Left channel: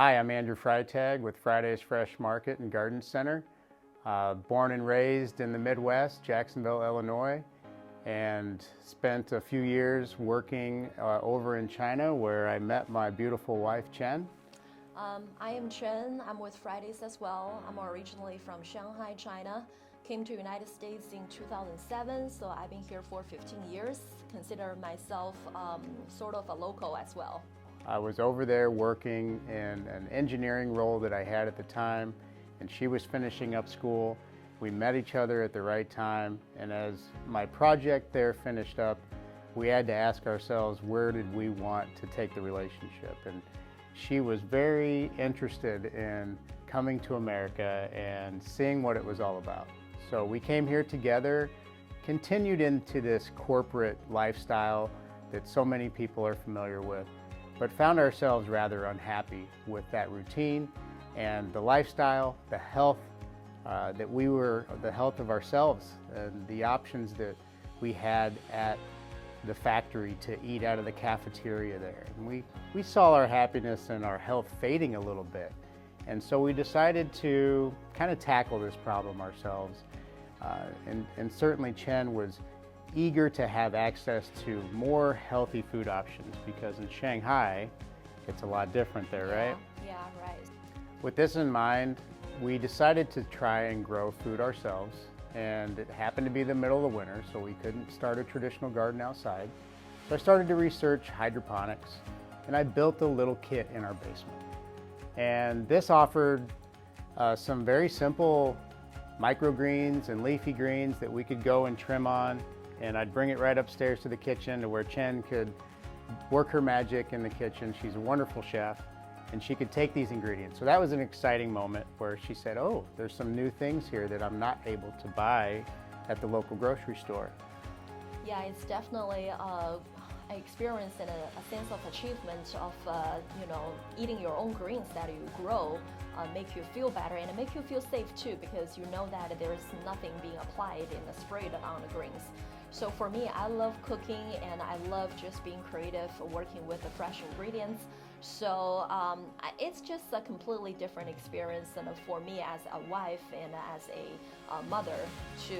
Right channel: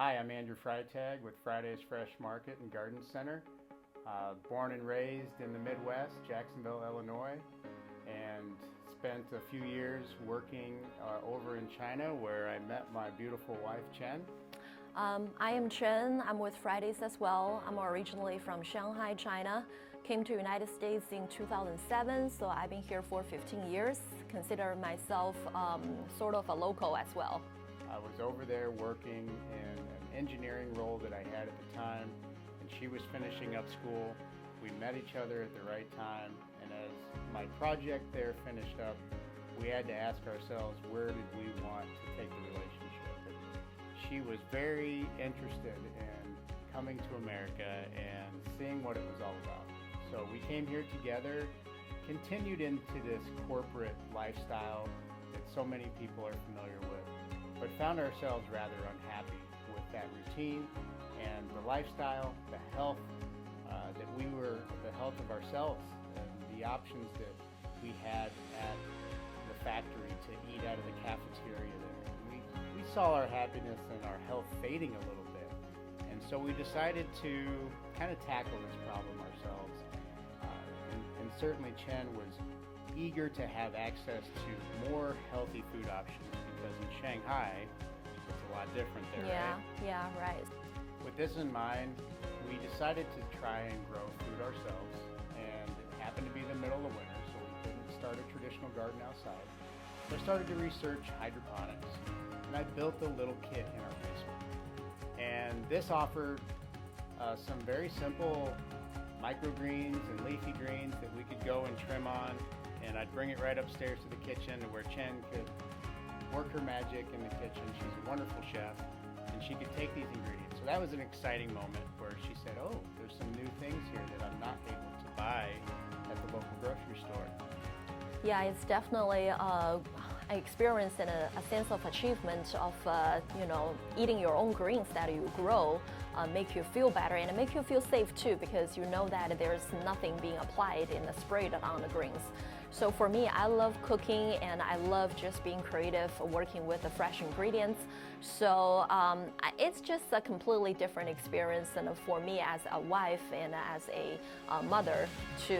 Hi, I'm Andrew Freitag with Friday's Fresh Market and Garden Center. Born and raised in the Midwest, Jacksonville, Illinois, and spent a few years working over in China where I met my beautiful wife, Chen. I am Chen. I'm with Fridays as well. I'm originally from Shanghai, China. Came to United States in 2007, so I've been here for 15 years. Consider myself sort of a local as well. I was over there working in an engineering role that I had at the time, and she was finishing up school. We met each other at the right time, and as my project there finished up, we had to ask ourselves, where did we want to take the relationship? And she was very interested in coming to America and seeing what it was all about. So we came here together, continued into this corporate lifestyle that so many people are familiar with, but found ourselves rather unhappy with that routine and the lifestyle, the health the health of ourselves and the options that we had at the factory to eat out of the cafeteria there. And we saw our happiness and our health fading a little bit. And so we decided to kind of tackle this problem ourselves. And certainly Chen was eager to have access to more healthy food options because in Shanghai, it's a lot different there, right? Yeah, right. With this in mind, we decided to try and grow food ourselves, and it happened to be the middle of the winter, so we couldn't start a traditional garden outside. So I started to research hydroponics, and I built a little kit in our basement. And this offered some very simple microgreens and leafy greens that we could go and trim on, and I'd bring it right upstairs to the kitchen to where Chen could work her magic in the kitchen. She's a wonderful chef, and she could take these ingredients. So that was an exciting moment where she said, oh, there's some new things here that I'm not able to buy at the local grocery store. Yeah, it's definitely an experience and a sense of achievement of eating your own greens that you grow make you feel better and make you feel safe too, because you know that there's nothing being applied and sprayed on the greens. So for me, I love cooking and I love just being creative, working with the fresh ingredients. So it's just a completely different experience and for me as a wife and as a mother to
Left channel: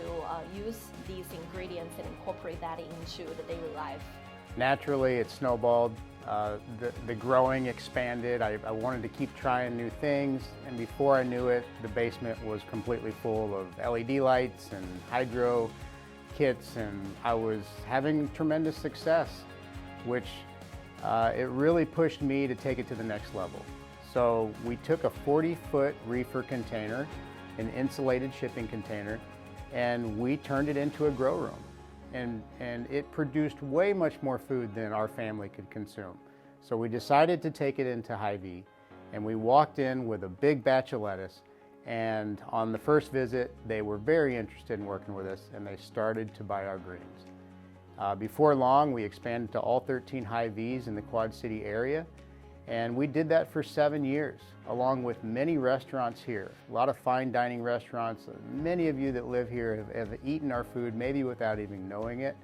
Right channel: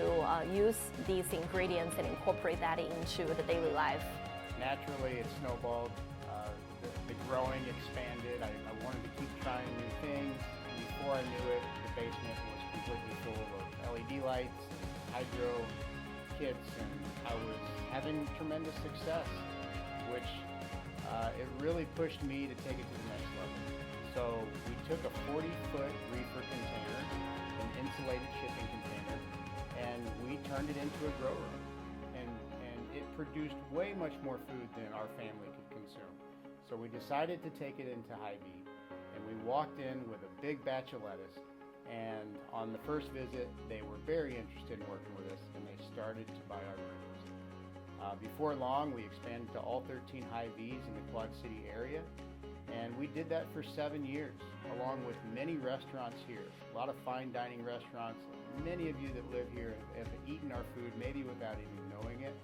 use these ingredients and incorporate that into the daily life. Naturally, it snowballed. The growing expanded. I wanted to keep trying new things, and before I knew it, the basement was completely full of LED lights and hydro kits, and I was having tremendous success, which it really pushed me to take it to the next level. So we took a 40-foot reefer container, an insulated shipping container, and we turned it into a grow room. And it produced way much more food than our family could consume. So we decided to take it into Hy-Vee, and we walked in with a big batch of lettuce, and on the first visit they were very interested in working with us and they started to buy our greens. Before long we expanded to all 13 Hy-Vees in the Quad City area, and we did that for 7 years along with many restaurants here, a lot of fine dining restaurants. Many of you that live here have eaten our food maybe without even knowing it,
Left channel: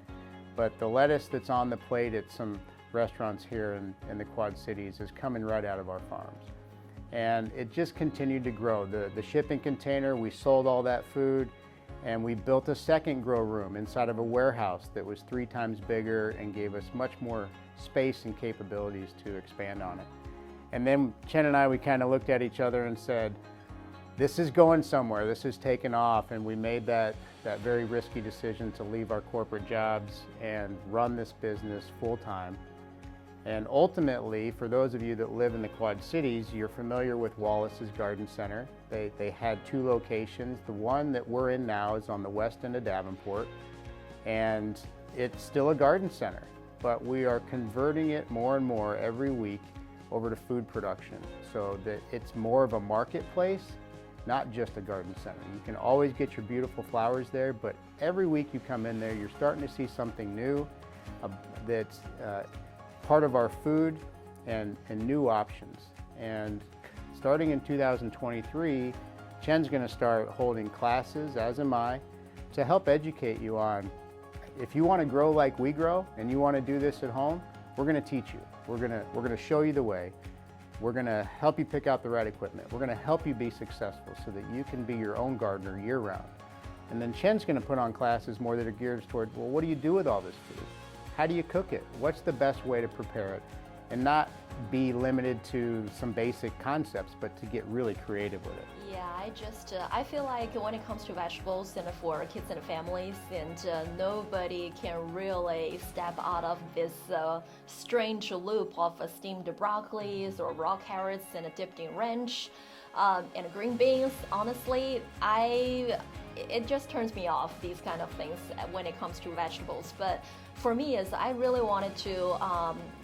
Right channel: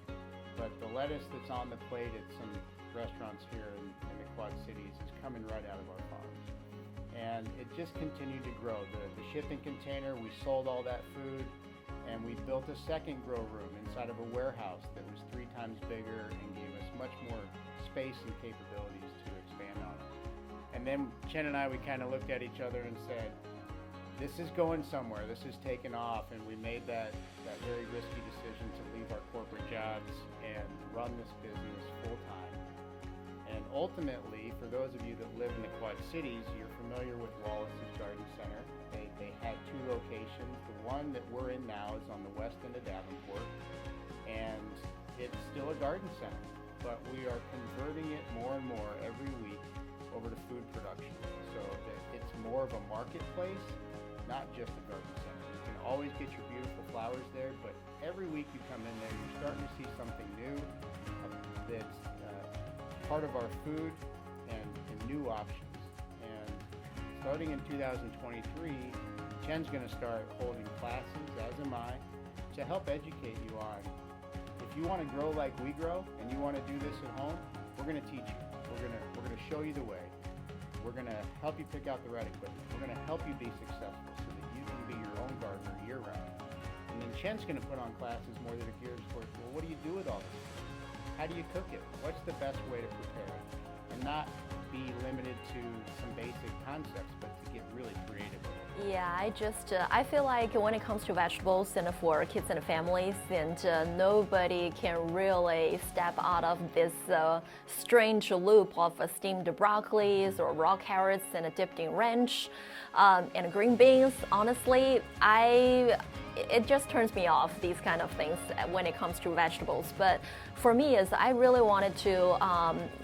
but the lettuce that's on the plate at some restaurants here in the Quad Cities is coming right out of our farms. And it just continued to grow. The shipping container, we sold all that food, and we built a second grow room inside of a warehouse that was 3 times bigger and gave us much more space and capabilities to expand on it. And then Chen and I, we kind of looked at each other and said, this is going somewhere, this is taking off, and we made that very risky decision to leave our corporate jobs and run this business full time. And ultimately, for those of you that live in the Quad Cities, you're familiar with Wallace's Garden Center. They had 2 locations. The one that we're in now is on the west end of Davenport, and it's still a garden center, but we are converting it more and more every week over to food production, so that it's more of a marketplace, not just a garden center. You can always get your beautiful flowers there, but every week you come in there, you're starting to see something new that's part of our food and new options. And starting in 2023, Chen's going to start holding classes, as am I, to help educate you on, if you want to grow like we grow and you want to do this at home, we're going to teach you. We're going to show you the way. We're going to help you pick out the right equipment. We're going to help you be successful so that you can be your own gardener year-round. And then Chen's going to put on classes more that are geared toward, well, what do you do with all this food? How do you cook it? What's the best way to prepare it? And not be limited to some basic concepts, but to get really creative with it. Yeah, I feel like when it comes to vegetables and for kids and families, and nobody can really step out of this strange loop of steamed broccolis or raw carrots and dipped in ranch and green beans. Honestly, it just turns me off, these kind of things when it comes to vegetables. But for me, is I really wanted to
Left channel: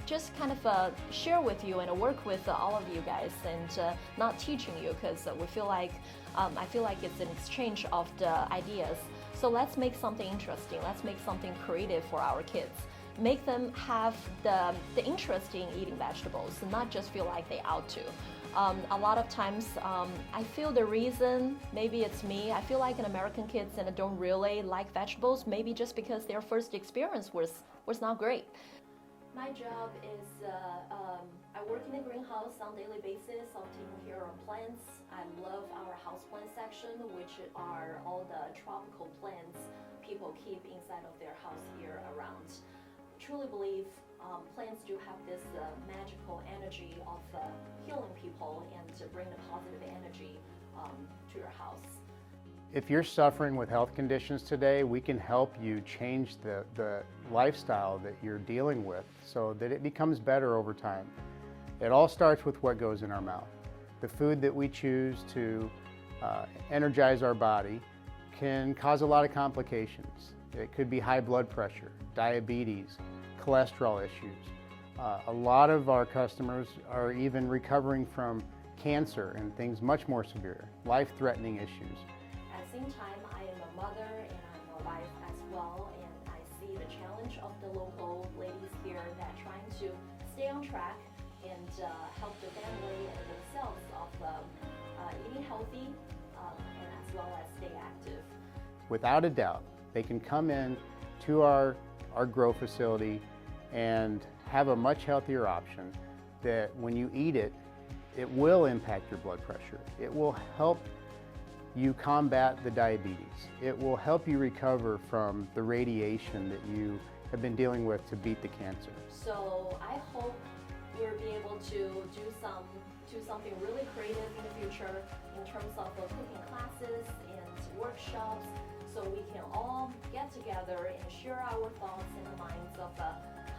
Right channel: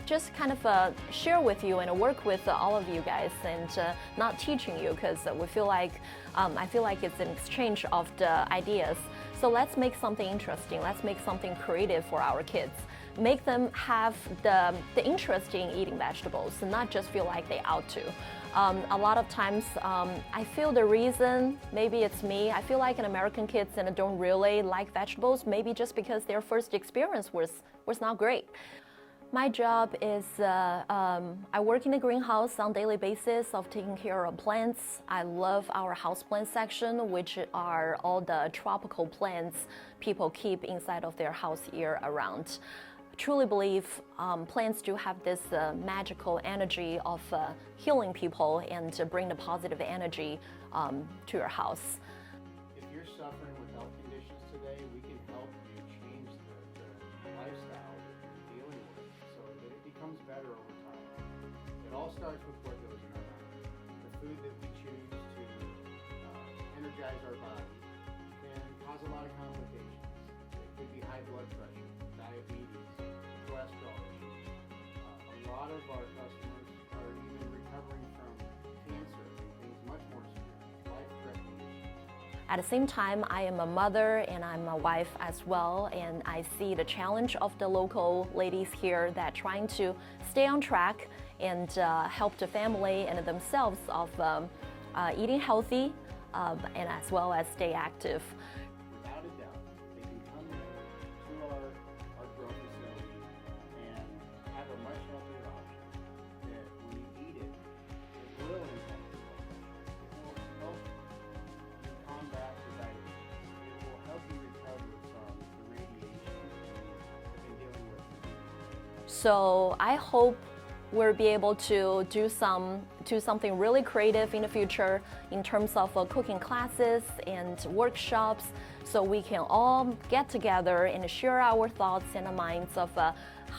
just kind of share with you and work with all of you guys, and not teaching you, because we feel like I feel like it's an exchange of the ideas. So let's make something interesting. Let's make something creative for our kids. Make them have the interest in eating vegetables, and not just feel like they ought to. A lot of times, I feel the reason, maybe it's me, I feel like American kids and don't really like vegetables, maybe just because their first experience was not great. My job is, I work in a greenhouse on a daily basis of taking care of plants. I love our houseplant section, which are all the tropical plants people keep inside of their house year around. Truly believe plants do have this magical energy of healing people and to bring the positive energy to your house. If you're suffering with health conditions today, we can help you change the lifestyle that you're dealing with so that it becomes better over time. It all starts with what goes in our mouth. The food that we choose to energize our body can cause a lot of complications. It could be high blood pressure, diabetes, cholesterol issues. A lot of our customers are even recovering from cancer and things much more severe, life-threatening issues. At the same time, I am a mother and I'm a wife as well, and I see the challenge of the local ladies here that trying to stay on track and help the family and themselves of eating healthy and as well as stay active. Without a doubt, they can come in to our grow facility and have a much healthier option that when you eat it, it will impact your blood pressure. It will help you combat the diabetes. It will help you recover from the radiation that you have been dealing with to beat the cancer. So I hope we'll be able to do something really creative in the future in terms of cooking classes and workshops, so we can all get together and share our thoughts and minds of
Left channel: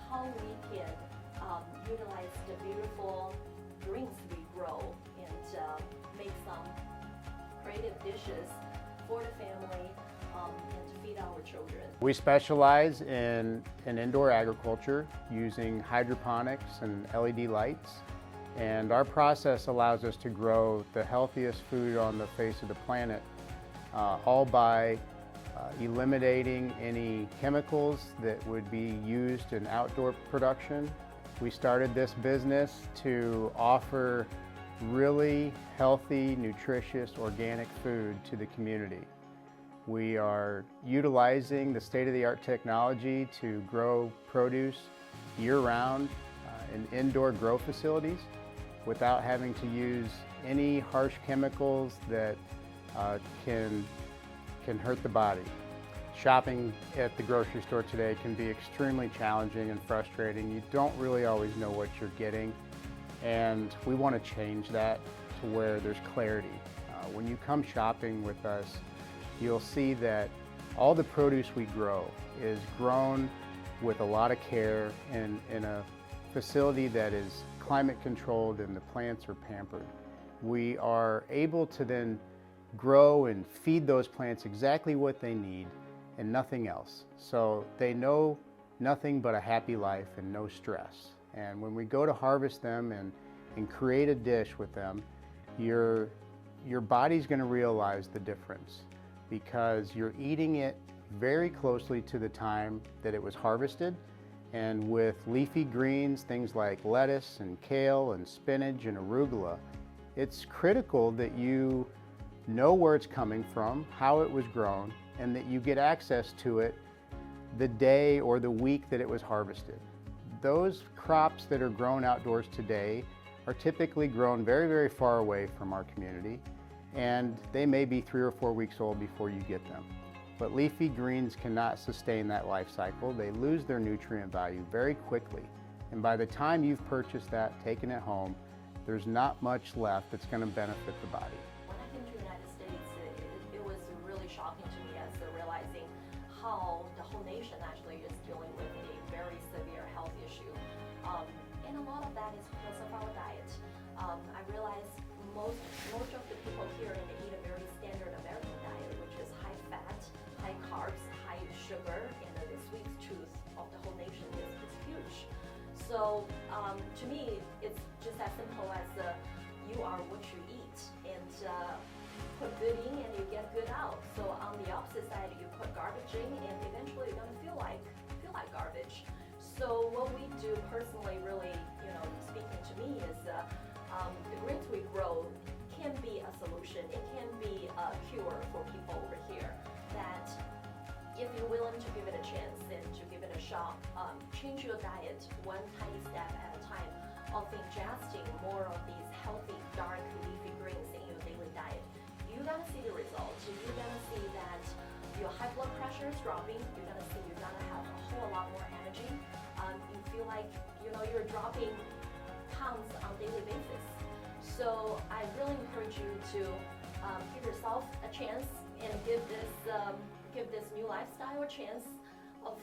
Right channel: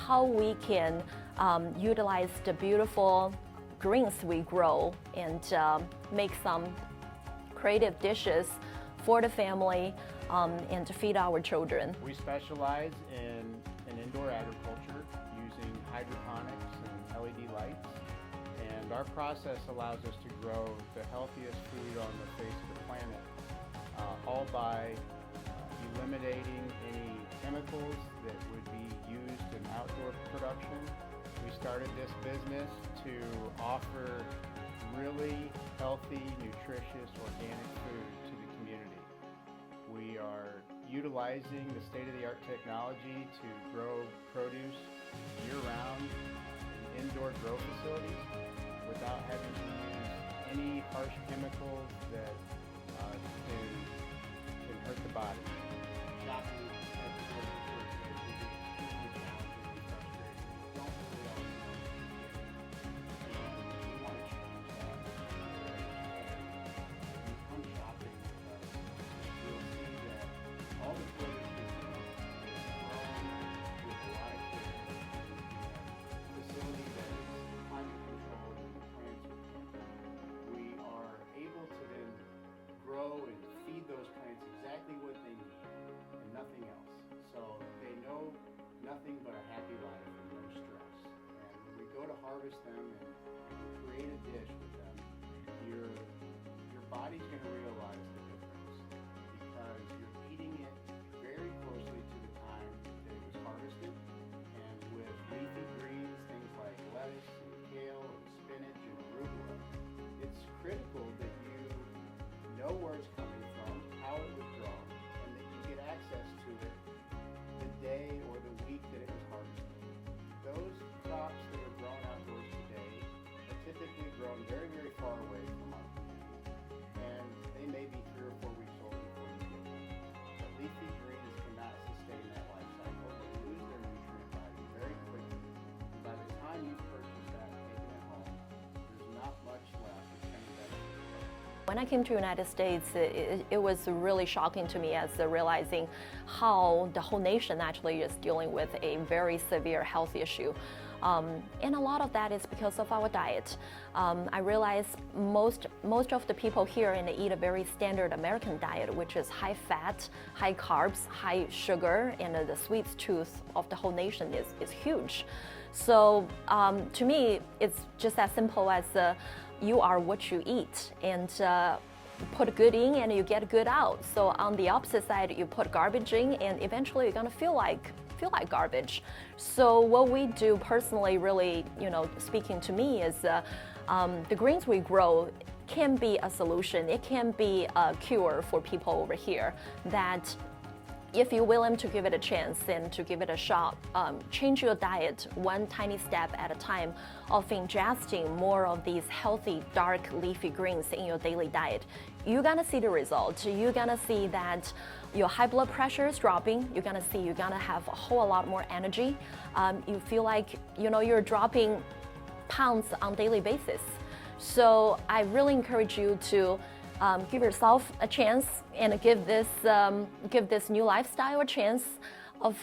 how we can utilize the beautiful greens we grow and make some creative dishes for the family and to feed our children. We specialize in indoor agriculture using hydroponics and LED lights, and our process allows us to grow the healthiest food on the face of the planet, all by eliminating any chemicals that would be used in outdoor production. We started this business to offer really healthy, nutritious, organic food to the community. We are utilizing the state-of-the-art technology to grow produce year-round in indoor grow facilities without having to use any harsh chemicals that can hurt the body. Shopping at the grocery store today can be extremely challenging and frustrating. You don't really always know what you're getting, and we want to change that to where there's clarity. When you come shopping with us, you'll see that all the produce we grow is grown with a lot of care in a facility that is climate controlled and the plants are pampered. We are able to then grow and feed those plants exactly what they need and nothing else. So they know nothing but a happy life and no stress. And when we go to harvest them and create a dish with them, your body's going to realize the difference, because you're eating it very closely to the time that it was harvested. And with leafy greens, things like lettuce and kale and spinach and arugula, it's critical that you know where it's coming from, how it was grown, and that you get access to it the day or the week that it was harvested. Those crops that are grown outdoors today are typically grown very, very far away from our community, and they may be 3 or 4 weeks old before you get them. But leafy greens cannot sustain that life cycle. They lose their nutrient value very quickly. And by the time you've purchased that, taken it home, there's not much left that's going to benefit the body. When I came to the United States, it was really shocking to me as realizing how the whole nation actually is dealing with a very severe health issue. And a lot of that is because of our diet. I realize most of the people here eat a very standard American diet, which is high fat, high carbs, high sugar, and the sweet tooth of the whole nation is huge. So to me, it's just as simple as you are what you eat, and put good in and you get good out. So on the opposite side, you put garbage in, and eventually you're gonna feel like garbage. So what we do personally, really, speaking to me, is the greens we grow can be a solution. It can be a cure for people over here that, if you're willing to give it a chance and to give it a shot, change your diet one tiny step at a time of ingesting more of these healthy, dark, leafy greens in your daily diet, you're gonna see the result. You're gonna see that your high blood pressure is dropping. You're gonna have a whole lot more energy. You feel like you're dropping pounds on a daily basis. So I really encourage you to give yourself a chance and give this new lifestyle a chance of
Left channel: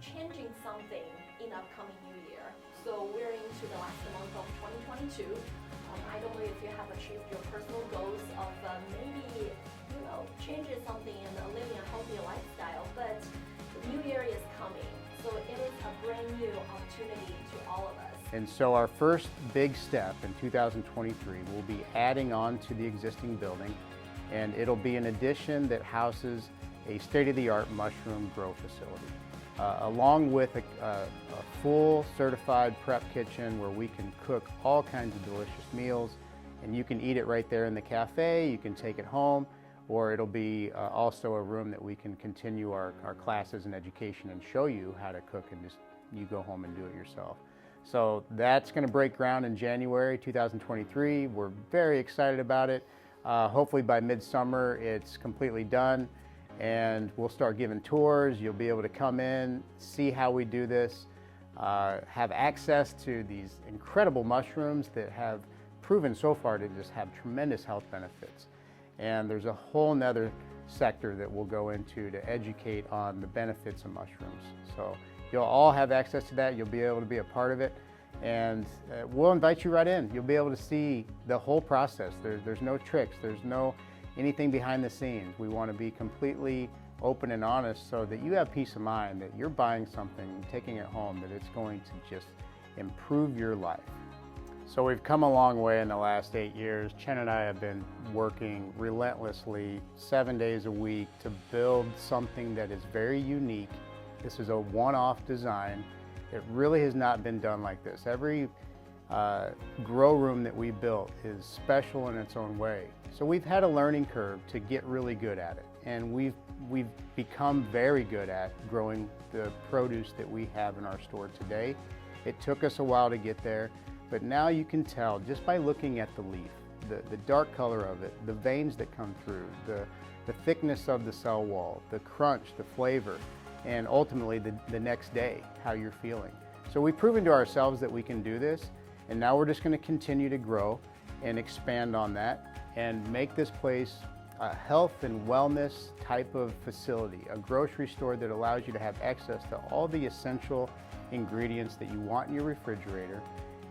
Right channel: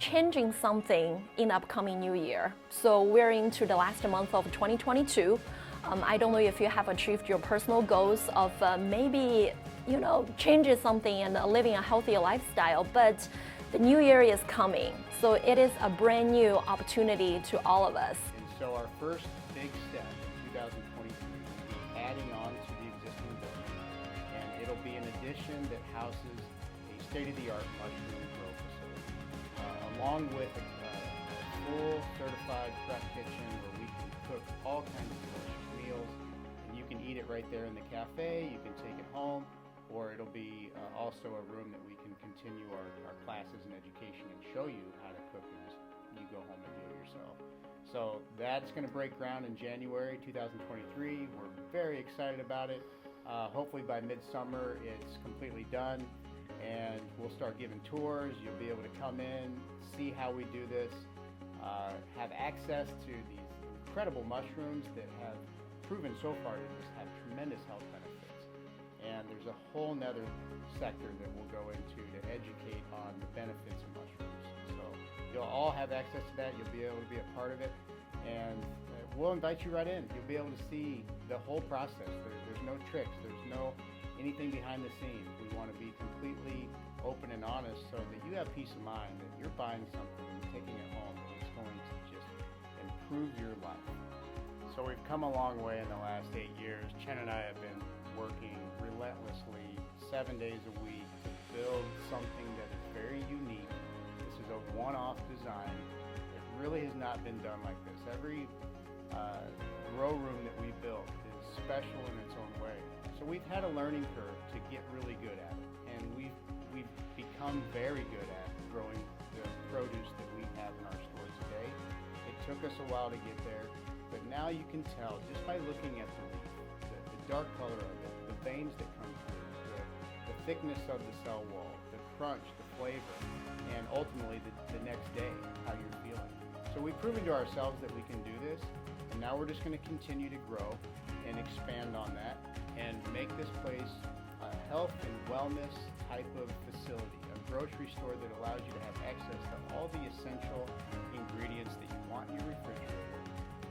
changing something in the upcoming new year. So we're into the last month of 2022. I don't know if you have achieved your personal goals of maybe changing something and living a healthier lifestyle, but the new year is coming. So it is a brand new opportunity to all of us. And so our first big step in 2023 will be adding on to the existing building, and it'll be an addition that houses a state-of-the-art mushroom grow facility, along with a full certified prep kitchen where we can cook all kinds of delicious meals, and you can eat it right there in the cafe, you can take it home, or it'll be also a room that we can continue our classes and education and show you how to cook, and just you go home and do it yourself. So that's going to break ground in January 2023. We're very excited about it. Hopefully by midsummer it's completely done, and we'll start giving tours. You'll be able to come in, see how we do this, have access to these incredible mushrooms that have proven so far to just have tremendous health benefits. And there's a whole nother sector that we'll go into to educate on the benefits of mushrooms. So you'll all have access to that. You'll be able to be a part of it, and we'll invite you right in. You'll be able to see the whole process. There's no tricks. There's no anything behind the scenes. We want to be completely open and honest so that you have peace of mind that you're buying something and taking it home, that it's going to just improve your life. So we've come a long way in the last 8 years. Chen and I have been working relentlessly 7 days a week to build something that is very unique. This is a one-off design. It really has not been done like this. Every grow room that we built is special in its own way. So we've had a learning curve to get really good at it, and we've become very good at growing the produce that we have in our store today. It took us a while to get there, but now you can tell just by looking at the leaf, the dark color of it, the veins that come through, the thickness of the cell wall, the crunch, the flavor, and ultimately the next day, how you're feeling. So we've proven to ourselves that we can do this, and now we're just going to continue to grow and expand on that and make this place a health and wellness type of facility, a grocery store that allows you to have access to all the essential ingredients that you want in your refrigerator,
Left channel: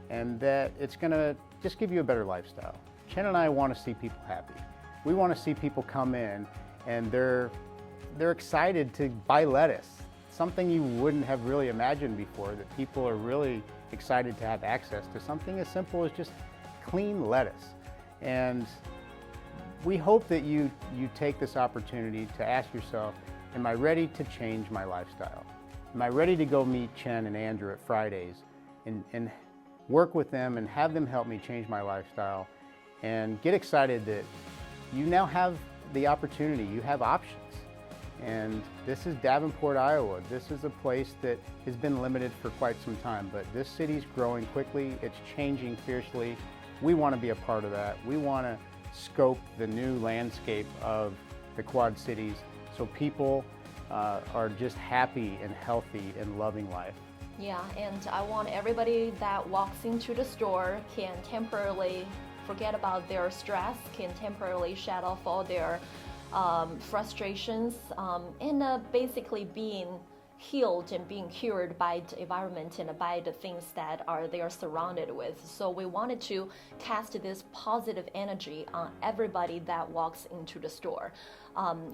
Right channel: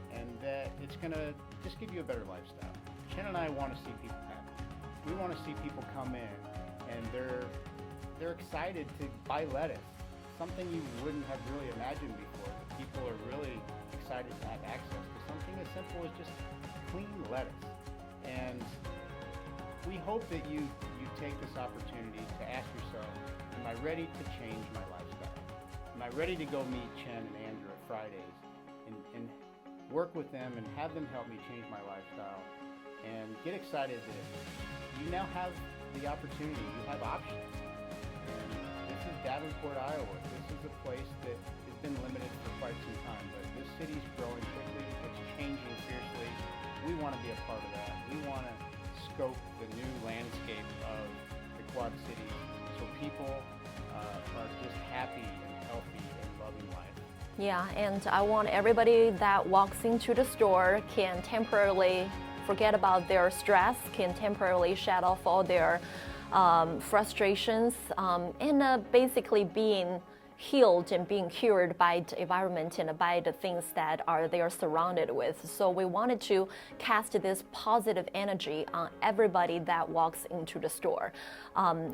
and that it's going to just give you a better lifestyle. Chen and I want to see people happy. We want to see people come in and they're excited to buy lettuce, something you wouldn't have really imagined before, that people are really excited to have access to something as simple as just clean lettuce. And we hope that you take this opportunity to ask yourself, am I ready to change my lifestyle? Am I ready to go meet Chen and Andrew at Fridays and work with them and have them help me change my lifestyle, and get excited that you now have the opportunity, you have options. And this is Davenport, Iowa. This is a place that has been limited for quite some time, but this city's growing quickly. It's changing fiercely. We want to be a part of that. We want to scope the new landscape of the Quad Cities so people are just happy and healthy and loving life. Yeah, and I want everybody that walks into the store can temporarily forget about their stress, can temporarily shut off all their frustrations, and basically being healed and being cured by the environment and by the things that they are surrounded with. So we wanted to cast this positive energy on everybody that walks into the store,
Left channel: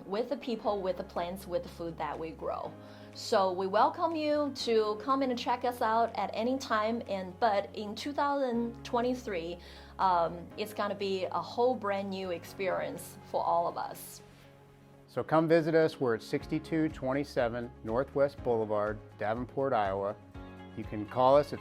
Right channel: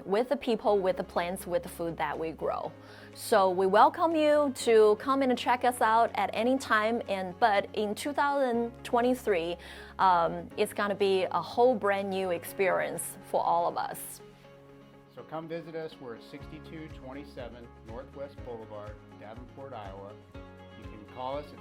with the people, with the plants, with the food that we grow. So we welcome you to come in and check us out at any time. But in 2023, it's going to be a whole brand new experience for all of us. So come visit us. We're at 6227 Northwest Boulevard, Davenport, Iowa. You can call us at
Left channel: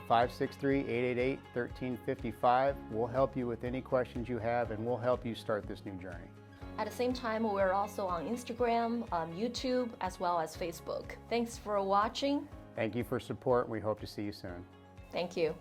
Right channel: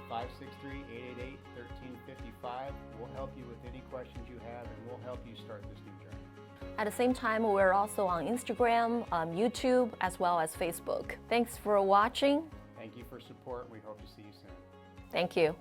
563-888-1355. We'll help you with any questions you have, and we'll help you start this new journey. At the same time, we're also on Instagram, YouTube, as well as Facebook. Thanks for watching. Thank you for support. We hope to see you soon. Thank you.